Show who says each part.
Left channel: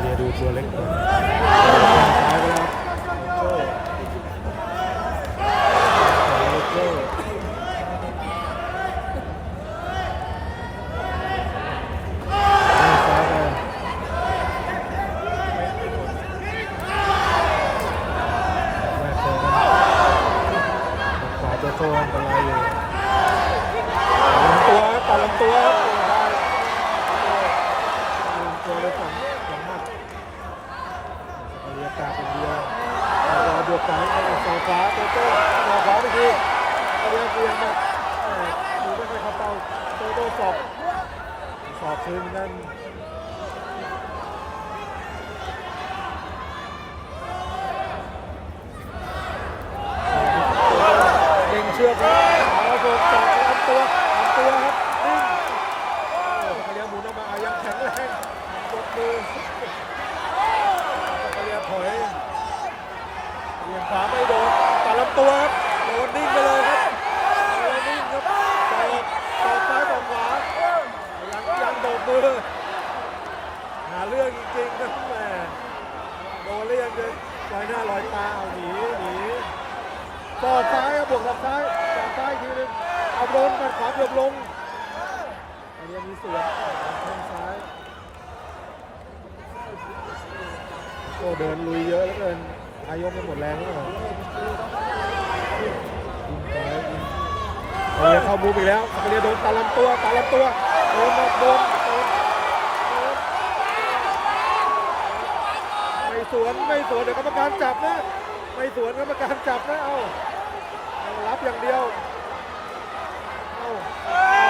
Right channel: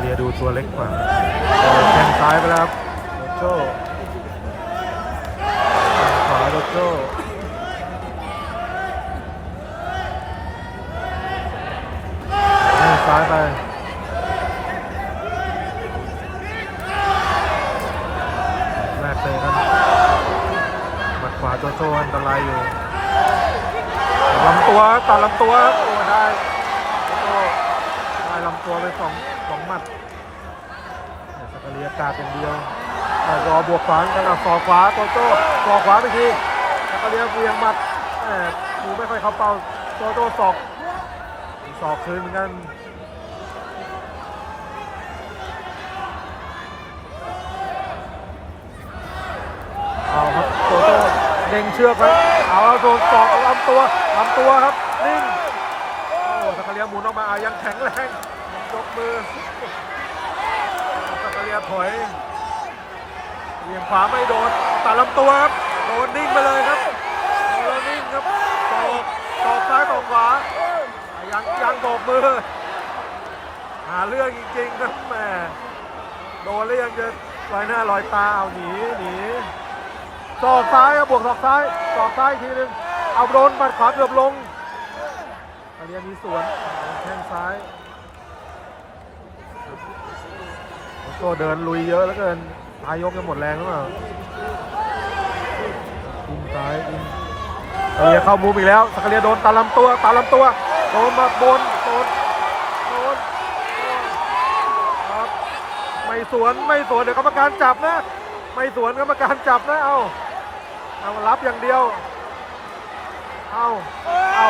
Speaker 1: เรียดูตัวเล็กกว่าแข้งซ้ายไปแล้วครับโจ้ขวาโลโจ้แข้งซ้ายไปแรกเลยกันหมัดขวาโจโจ้อันตรายอยู่ตัดลำตัวตัดลำตัวโอ้ได้ ตัวเลยสองสองหมัดสกาเลียกาเป็นเดียวแต่รอบวกขวางกันเอาศอขวาโตโต้ศอขวาไปทีสกาเลียเวียงหมัดหมดูไม่ค่อยเข้าเป้าโตโต้ศอกศอกคืนเหมือนกันเอาครับโตโต้เล็งเชือกครับเอาโดนศอกลำตัวลำตัวครับนิ่งโอ้สกเลียหมุนออกมาอะยังแข็งแรง ยกมือสักเรียถอยเลียงขวาไม่โดนตัดลำตัวครับโดนนิ่งไปเลยครับโดนแล้วนิ่งครับตอกตอกซ้ายตอกขวายังยังโบกมือ หาเรื่องจริงๆครับแม่โดนแล้วยังจะลอยหน้าลอยตาเอาหนีหนีศอกซ้ายครับบวกศอกซ้ายศอกซ้ายทีนึงเอาโดนหมัดขวาเกือบลงอันนี้มีสวนแข้งซ้าย ก็เดินลุยเยอะแล้วเกินพายกจะหมดแรงหรือเปล่าอินซ้ายอินสกเลียเข้ามุมอีกแล้วสกเลียโดนตาลำตัวตาลำตัวโดนมาโดนโดนโดนไม่สวนไม่สวนเดี๋ยวกรรมการจับนะ ไม่สวนกรรมการจับนะเอาเอารับอย่างเดียวเอาเอา